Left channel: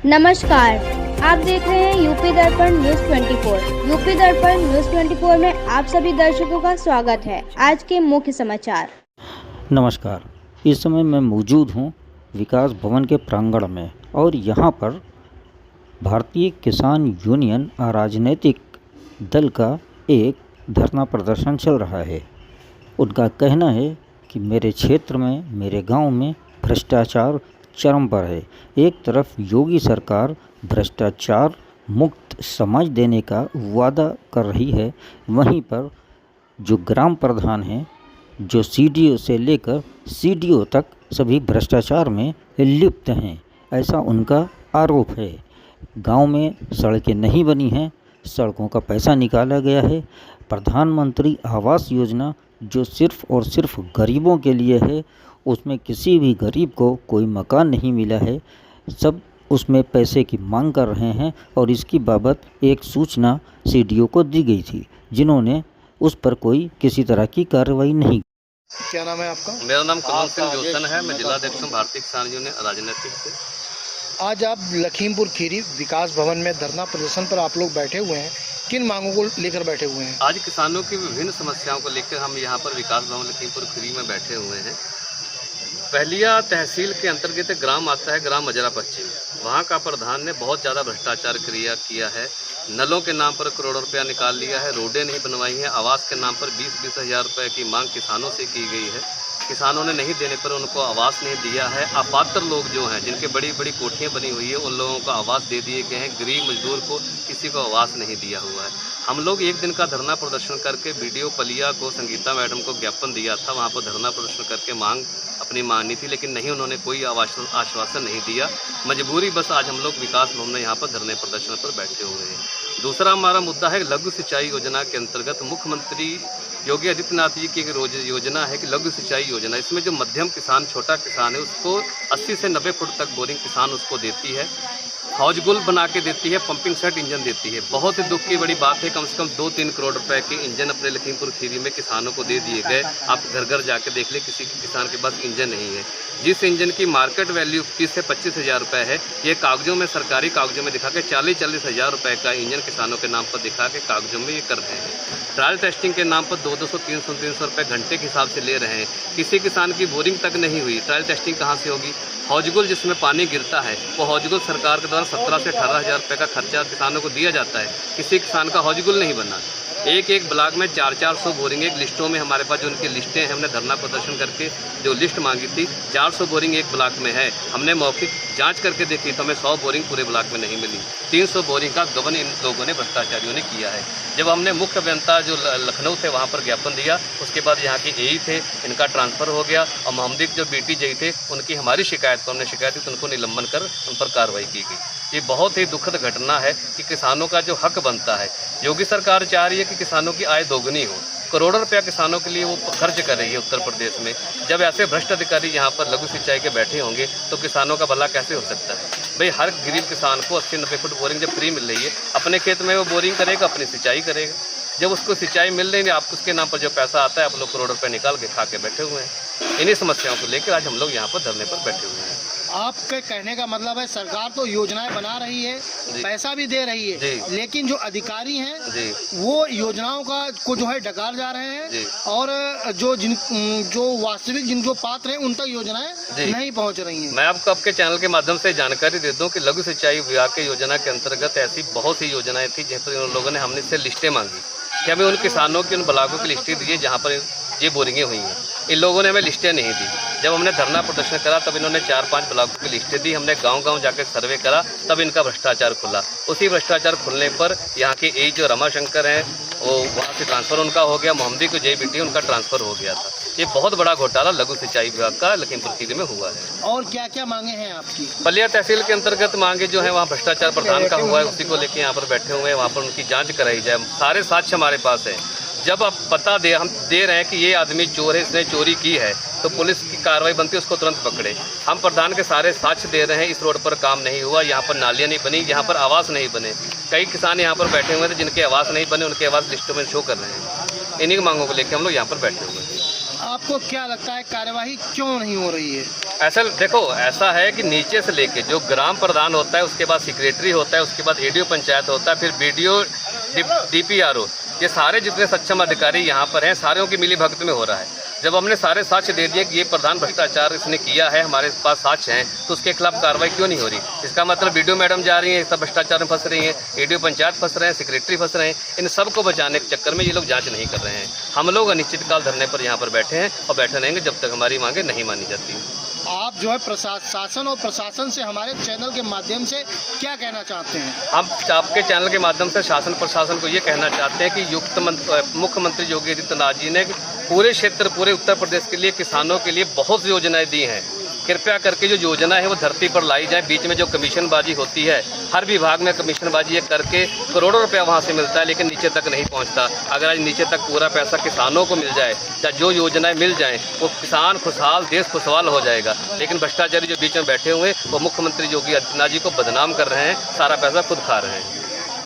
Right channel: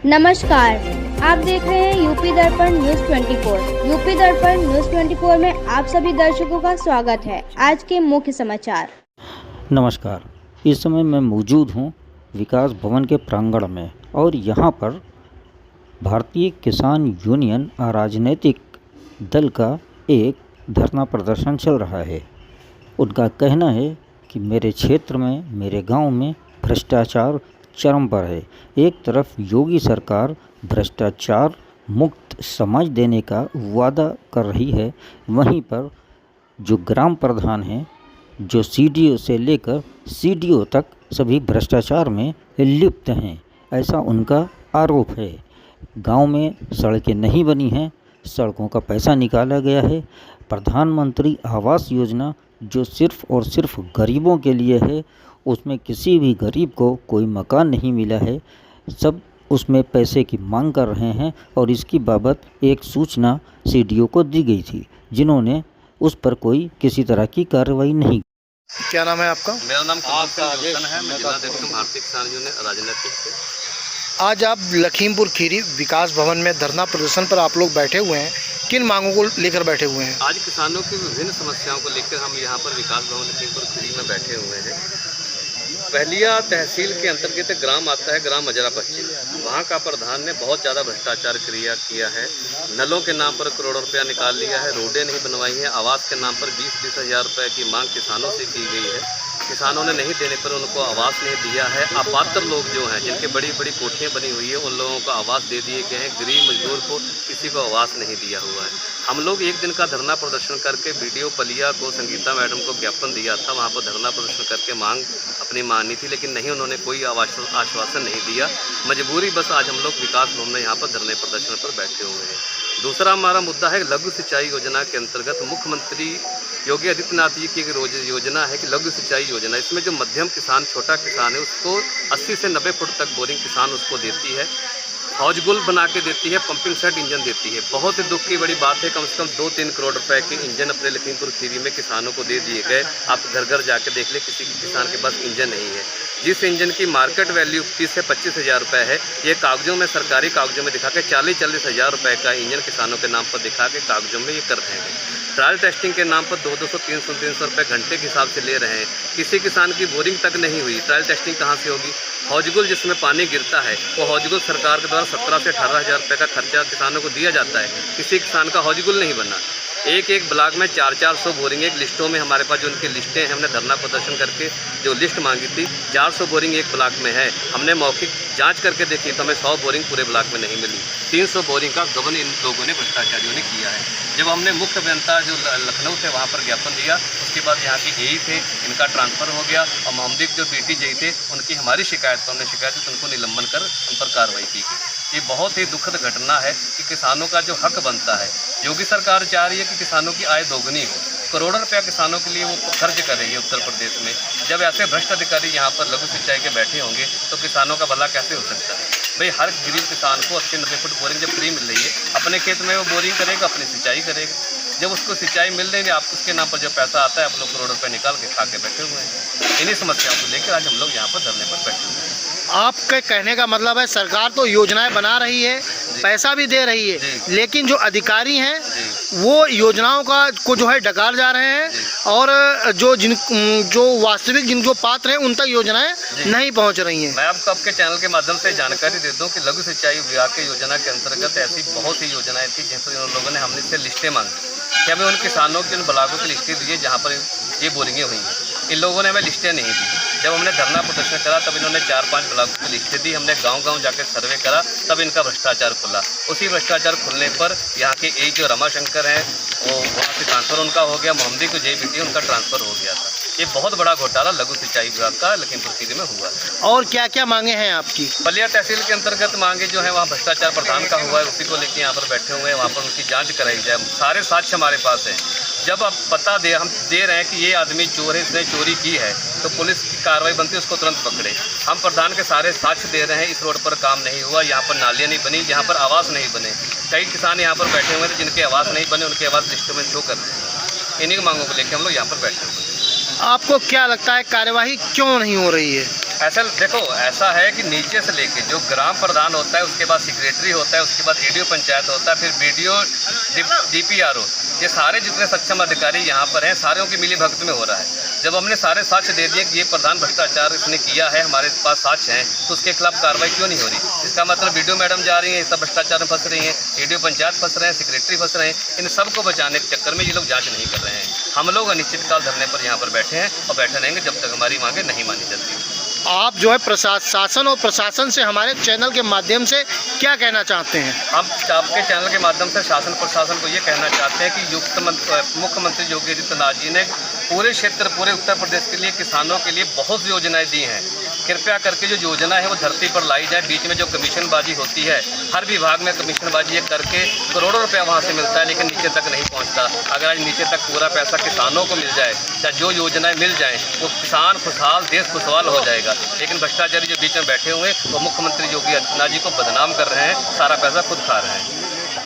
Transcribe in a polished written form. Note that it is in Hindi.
नमस्कार, आप देख रहे हैं यूपी दर्पण न्यूज 24। यूपी दर्पण न्यूज 24 में आप सभी दर्शकों का स्वागत है। आज के मुख्य समाचार। नमस्कार, इस समय मैं मौजूद हूँ विकास भवन के प्रांगण में और यहाँ पर भारतीय किसान यूनियन राजनीतिक दल का एक धरना प्रदर्शन चल रहा है। उनका कहना है कि मेरे क्षेत्र में, मेरे गांव में भ्रष्टाचार चरम पर है। एक तरफ योगी सरकार भ्रष्टाचार मुक्त समाज देने का वादा कर रही है, वहीं पर जो ग्राम प्रधान हैं, जो सीडीओ से लेकर सीडीओ तक सभी भ्रष्टाचार में लिप्त हैं, ऐसा उनका आरोप है। गांव में सड़कें नहीं बनी हैं, सड़कों का पैसा निकाला गया है। प्रधानमंत्री आवास योजना जो सिर्फ़ और सिर्फ गरीबों के लिए है, उसमें किसी भी गरीब को कोई मकान नहीं मिला है। सब उसमें पैसे की मांग कर रहे हैं और इसकी बाबत एक सूचना सीडीओ को दी गई थी, जिन्होंने उस पर कोई किसी तरह की कार्रवाई नहीं। क्या नाम है आपका? मेरा नाम कमल सिंह जोशन है। मैं जिला अध्यक्ष हूँ भारतीय किसान यूनियन राजनीतिक से। आज आप लखीमपुर खीरी विकास भवन में धरना प्रदर्शन पर आप लोग बैठे हुए हैं, किन मांगों को लेकर बैठे हुए हैं? आज किसानों की विभिन्न समस्याओं को लेकर हम यहाँ पर विकास भवन लखीमपुर खीरी में बैठे हुए हैं। पहलिया तहसील के अंतर्गत ग्राम आता है, ग्राम मजरा पश्चिम। वहाँ का प्रधान ने बहुत ज़्यादा भ्रष्टाचार किया है। नलों के नाम पर करोड़ों रुपया निकाल लिया है, रोडें नहीं बनवाई हैं। आवास के नाम पर 20-20 हज़ार रुपये की मांग किसानों से की गई है। किसानों ने नहीं देने पर उनको आवास नहीं दिया है। अपात्र लोग जो हैं, जिनके बड़ी बड़ी कोठियाँ बनी हुई है, उन लोगों को आवास दे दिए गए हैं। गरीब मजदूर को किसी को आवास नहीं दिया हुआ है। हम लोग एक दिन का धरना प्रदर्शन करके बीडीओ पलिया को, संगीता मैडम को ज्ञापन दिया था। वहाँ पर धरना प्रदर्शन करके मांग अपनी मानी थी, लेकिन नहीं, उन्होंने कोई आश्वासन नहीं दिया। मजबूरी बस आज हम लोग विकास भवन में यहाँ पर धरने प्रदर्शन पर बैठे हुए हैं। दूसरा हमारा मुद्दा है लघु सिंचाई योजना के अंतर्गत मुख्यमंत्री योगी आदित्यनाथ जी की एक योजना है कि लघु सिंचाई योजना। इसमें जो मध्यम किसान, छोटा किसान है, उसको 80 से 90 फुट तक बोरिंग किसान उसको देती है। हौजगुल बना के देती है, पंपिंग सेट इंजन देती है। बहुत ही दुख की बड़ी बात है, कम से कम 2-3 करोड़ रुपए के इंजन अपने लखीमपुर खीरी में किसानों को दे दिए गए। आप घर घर जाके देख ले, किसी किसान के पास इंजन नहीं है। जिस इंजन की मार्केट वैल्यू 30 से 25 हज़ार रुपये है, ये कागजों में, सरकारी कागजों में दिखा के 40-40 हज़ार रुपये का इंजन किसानों के नाम पर दिखा के कागजों में ये कर रहे हैं। ट्रायल टेस्टिंग के नाम पर 200, 300 रुपये घंटे के हिसाब से ले रहे हैं। किसी किसान की बोरिंग तक नहीं हुई, ट्रायल टेस्टिंग कहाँ से होगी? हौजगुल जिसमें पानी गिरता है, वो हौजगुल सरकार के द्वारा 17 से 18 हज़ार रुपये का खर्चा किसानों को दिया जाता है। किसी किसान का हौजगुल नहीं बना। एक ब्लॉक में 400 बोरिंग, एक लिस्टों में हमारे पास जो उनकी लिस्टें हैं, हमने धरना प्रदर्शन करके जो लिस्ट मांगी थी, 400 बोरिंग एक ब्लॉक में है। हमने मौखिक जांच करके देखी तो हमें 100 बोरिंग पूरे ब्लॉक में नहीं मिली। 300 बोरिंग का गबन इन लोगों ने, भ्रष्टाचारियों ने किया है। जब हमने मुख्य अभियंता जो लखनऊ थे वहाँ पर ज्ञापन दिया, उसके बाद यहाँ के एई थे, इनका ट्रांसफ़र हो गया और मोहम्मदी जो बीटी जेई थे, उनकी हमारी शिकायत पर, हमने शिकायत की तो उनको निलंबन कर उन पर कार्रवाई की गई। ये बहुत ही दुखद घटना है कि किसानों का जो हक बनता है, योगी सरकार चाह रही है कि किसानों की आय दोगुनी हो। करोड़ों रुपया किसानों के लिए वो खर्च कर रही है उत्तर प्रदेश में। जब ऐसे भ्रष्ट अधिकारी यहाँ पर लघु सिंचाई के बैठे होंगे तो किसानों का भला कैसे हो सकता है? भाई, हर गरीब किसान को 80-90 फुट बोरिंग जब फ्री मिल रही है, अपने खेत में वो बोरिंग करेगा, अपनी सिंचाई करेगा। जब उसको सिंचाई मिल रही है, आप उसके नाम पर जो पैसा आता है, आप लोग करोड़ रुपये निकाल के खा के बैठे हुए हैं। इन्हीं समस्याओं को लेकर आज हम लोग यहाँ पर धरने पर बैठे हुए हैं। आपके कहने का मतलब है सरकार तो योजनाएं बना रही है, पैसा भी दे रही है, लेकिन जो अधिकारी हैं वो योजनाओं को जो है डकार जा रहे हैं और जो वास्तविक जो पात्र हैं उन तक योजनाएं नहीं पहुंच रही हैं। मैं आपको आपके चैनल के माध्यम से जानकारी दे दूं कि लघु सिंचाई विभाग की योजना के अंतर्गत ऐसी बहुत सी योजनाएं थी जिन पर उन लोगों ने, हमने से लिस्टें मांगी कि हमें उन किसानों की, उन ब्लॉकों की लिस्टें दी जहाँ पर ये बोरिंगें हुई हैं। इन लोगों ने हमें लिस्टें नहीं दी। जब हमने धरना प्रदर्शन करा तब इन्होंने 4-5 ब्लॉकों की लिस्टें दी। हमने गांव-गांव जाकर सर्वे करा, तब इनका भ्रष्टाचार खुला। उसी भ्रष्टाचार खुलने पर यहाँ के एई जो रमाशंकर हैं, वो वहाँ से ट्रांसफ़र उनका हो गया। मोहम्मदी को जेई बीटी उनका ट्रांसफ़र हो गया था। ये बहुत बड़ा घोटाला लघु सिंचाई विभाग का लखीमपुर खीरी में हुआ है। और क्या क्या मांगे हैं आपकी? पलिया तहसील के अंतर्गत मांगे जो है, वहाँ भ्रष्टाचार प्रधान का हुआ है, उसी को लेकर यहाँ पर बैठे हुए हैं। वहाँ पर उनकी जाँच कराई जाए। सारे साक्ष्य हमारे पास हैं। जब आप हम दे रहे हैं कि ये आदमी चोर है, इसने चोरी की है, तो पुलिस की कार्रवाई बनती है, उसको तुरंत पकड़े। हम प्रधान के सारे साक्ष्य दे रहे हैं। इस रोड पर काम नहीं हुआ, यहाँ पर नालियाँ नहीं बनी, यहाँ पर आवास नहीं बने। कई किसान यहाँ पर बैठे हुए थे जिनके आवास नहीं बने, उनके आवास लिस्ट में शो कर रहे हैं। इन्हीं मांगों को लेकर हम लोग यहाँ पर बैठे हुए हैं। आपको क्या लगता है कार्यवाही क्यों नहीं हो रही है? ऐसा देखो, ऐसा है कि नीचे से लेके जो ग्राम प्रधान होता है, उसके बाद सेक्रेटरी होता है, उसके बाद एडीओ पंचायत होता है, फिर बीडीओ, डीपीआरओ, ये सारे जितने सक्षम अधिकारी यहाँ पर हैं, सारों की मिली भगत में हो रहा है। जब हमने सारे साक्ष्य दे दिए कि ये प्रधान भ्रष्टाचार इसने किया है, हमारे पास साक्ष्य हैं, तो उसके खिलाफ कार्रवाई क्यों नहीं हो रही? इसका मतलब बीडीओ मैडम जा रही हैं, सब भ्रष्टाचार में फंस रही हैं, एडीओ पंचायत फंस रहे हैं, सेक्रेटरी फंस रहे हैं। इन सबको बचाने के चक्कर में ये लोग जांच नहीं कर रहे हैं। हम लोग अनिश्चितकाल धरने पर यहाँ पर बैठे हैं और बैठे रहेंगे जब तक हमारी मांगे नहीं मानी जाती। आप जो है शासन और प्रशासन से हमारे चैनल के माध्यम से क्या कहना चाहते हैं? हम आपके चैनल के माध्यम से शासन प्रशासन को ये कहना चाहते हैं कि मुख्यमंत्री योगी आदित्यनाथ जी ने पूरे क्षेत्र, पूरे उत्तर प्रदेश के लिए, किसानों के लिए बहुत सी योजनाएं दी हैं। कृपया करके जो योजना है वो धरती पर लाई जाए। बीच में जो कमीशनबाजी होती है, हर विभाग में कमीशनबाजी ये करके करोड़ों रुपया वहाँ से मिलता है, लेकिन नीचे तक नहीं पहुँचता। अगर आज नीचे तक पूरा पैसा किसानों को मिल जाए या जो योजनाएं मिल जाएं, वो किसान खुशहाल, देश खुशहाल हो जाएगा। लेकिन भ्रष्टाचारी जो बीच में बैठे हुए, वो मुख्यमंत्री योगी आदित्यनाथ जी को बदनाम कर रहे हैं, सारा पैसा खुद खा रहे हैं।